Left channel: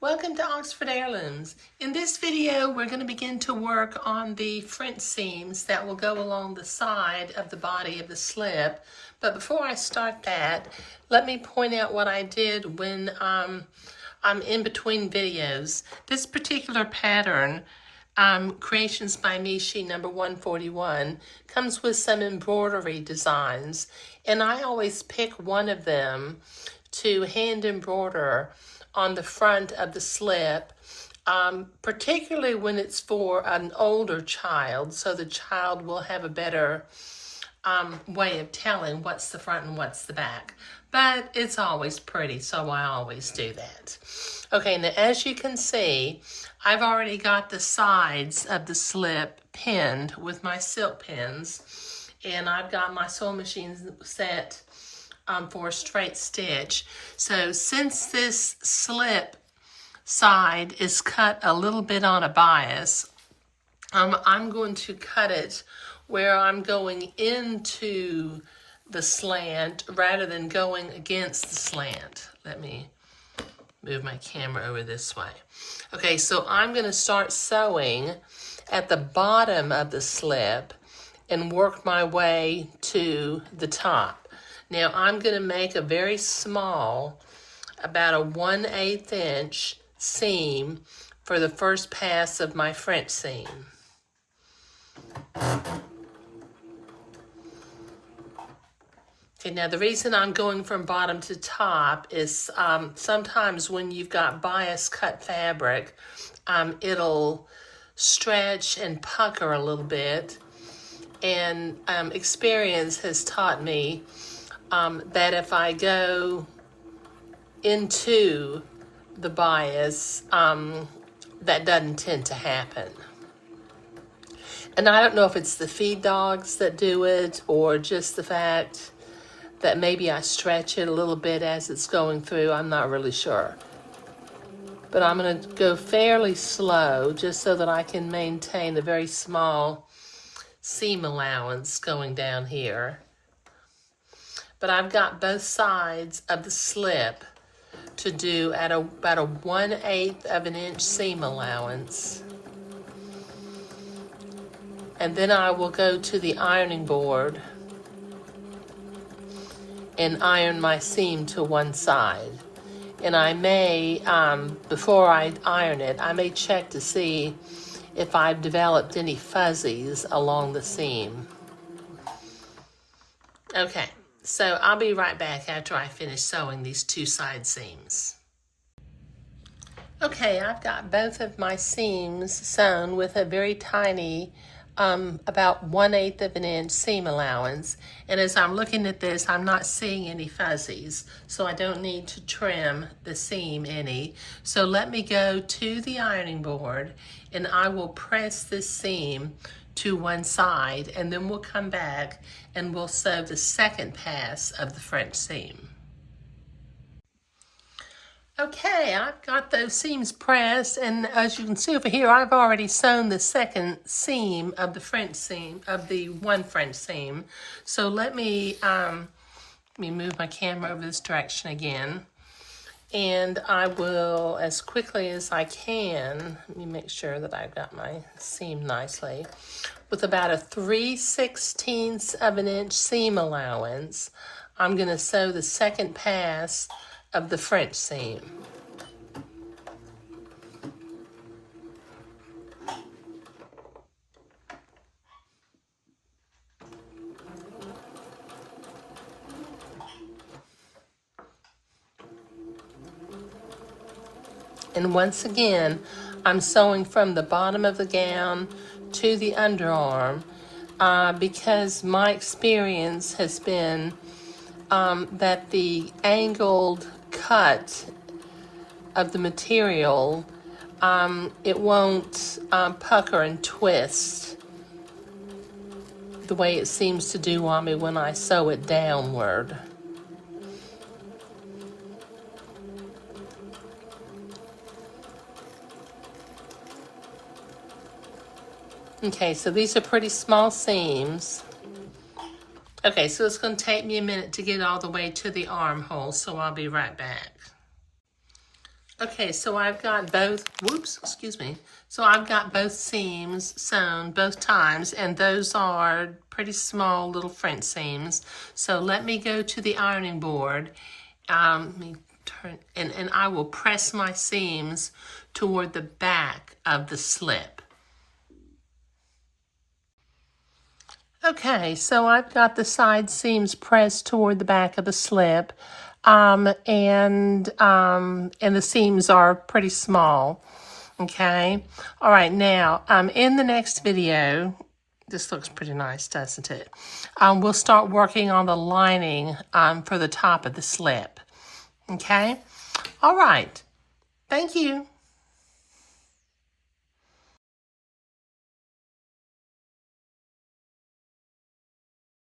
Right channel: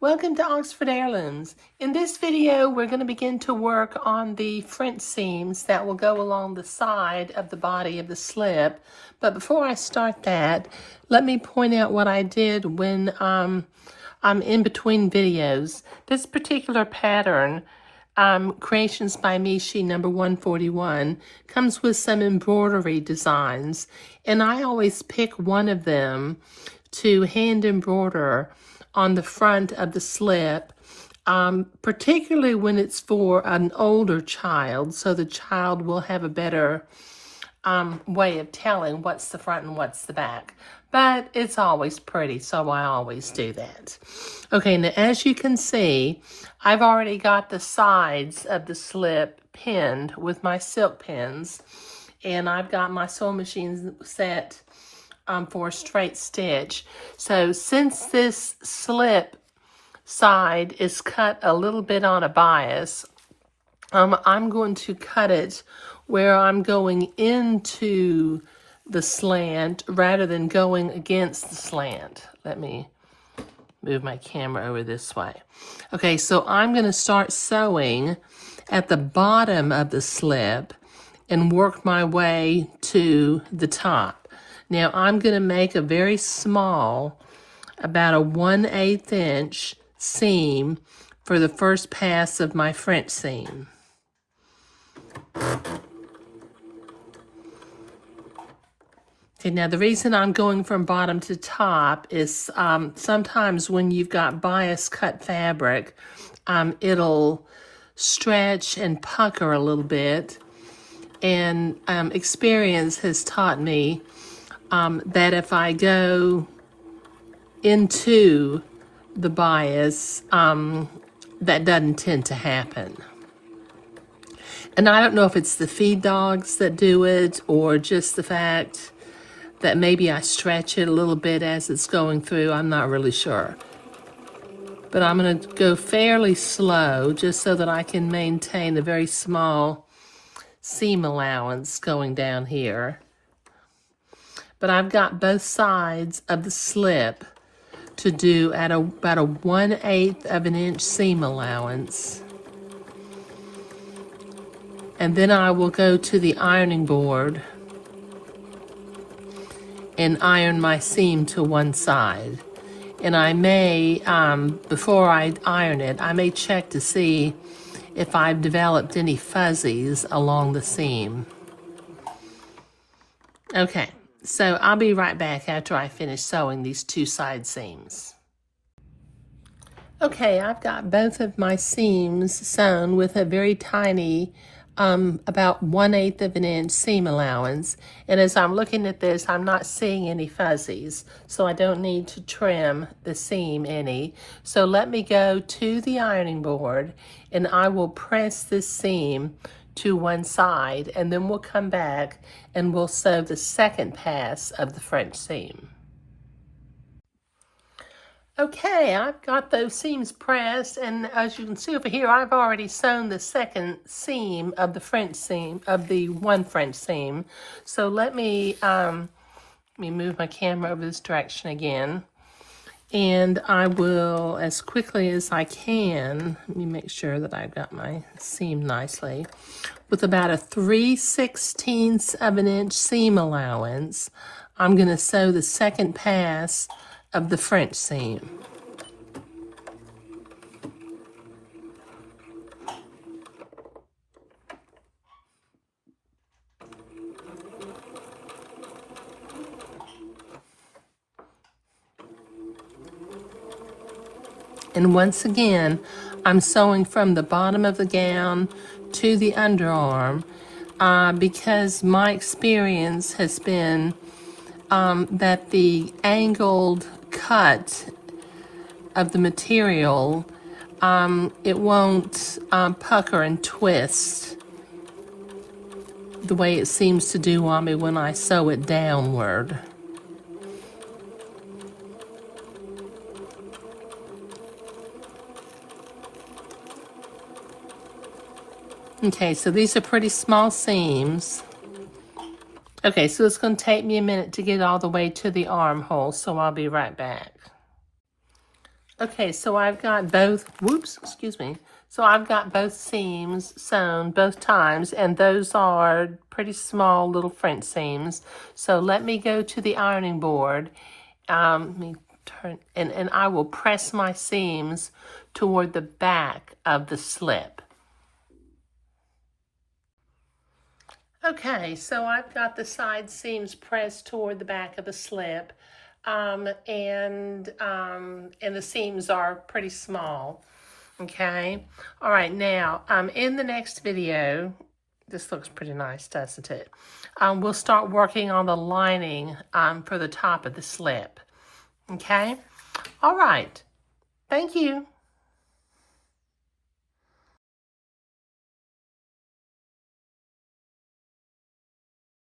Welcome to Oxford Heirlooms. In this video, we're going to begin to work on the French seams that will go along the side of the body of the slip. But before I start that, let me point out what I did when I'm in between videos. This particular pattern, Creations by Me, sheet number 141, comes with some embroidery designs. And I always pick one of them to hand embroider on the front of the slip, particularly when it's for an older child, so the child will have a better way of telling what's the front and what's the back. But it's always pretty, so I always do that. Okay, now as you can see, I've already got the sides of the slip pinned with my silk pins, and I've got my sewing machine set for a straight stitch. So since this slip side is cut a little bit on a bias, I'm going to cut it where I'm going into the slant rather than going against the slant. Let me move my camera over this way. Okay, so I'm going to start sewing at the bottom of the slip and work my way to the top. Now I'm going to make a very small, about a 1/8 inch seam for the first pass of my French seam. Okay, now the reason I'm going from bottom to top is sometimes when you've got bias cut fabric, it'll stretch and pucker a little bit. And experience has taught me that if I go into the bias, that doesn't tend to happen. And I don't know if it's the feed dogs that do it or just the fact that maybe I stretch it a little bit as it's going through. I'm not really sure. But I'm going to go fairly slow just so that I can maintain a very small seam allowance going down here. But I've got both sides of the slip to do at about a 1/8 of an inch seam allowance. And then I will go to the ironing board and iron my seam to one side. And I may, before I iron it, I may check to see if I've developed any fuzzies along the seam. Okay. So I'll be right back after I finish sewing these two side seams. Okay, I've got both of my seams sewn with a very tiny, about 1/8 of an inch seam allowance. And as I'm looking at this, I'm not seeing any fuzzies, so I don't need to trim the seam any. So let me go to the ironing board and I will press this seam to one side, and then we'll come back and we'll sew the second pass of the French seam. Okay, I've got those seams pressed, and as you can see over here, I've already sewn the second seam of the French seam, of the one French seam. So let me move my camera over this direction again. And I will, as quickly as I can, let me make sure that I've got my seam nicely, with about a 3/16 of an inch seam allowance, I'm going to sew the second pass of the French seam. And once again, I'm sewing from the bottom of the gown to the underarm because my experience has been that the angled cut of the material, it won't pucker and twist the way it seems to do on me when I sew it downward. Okay, so these are pretty small seams. Okay, so it's going to take me a minute to get all the way to the armhole, so I'll be right back. Okay, so I've got both, So I've got both seams sewn both times, and those are pretty small little French seams. So let me go to the ironing board. Let me turn, and I will press my seams toward the back of the slip. Okay, so I've got the side seams pressed toward the back of the slip, and the seams are pretty small. Okay, all right. Now, in the next video, this looks pretty nice, doesn't it? We'll start working on the lining for the top of the slip. Okay, all right. Thank you.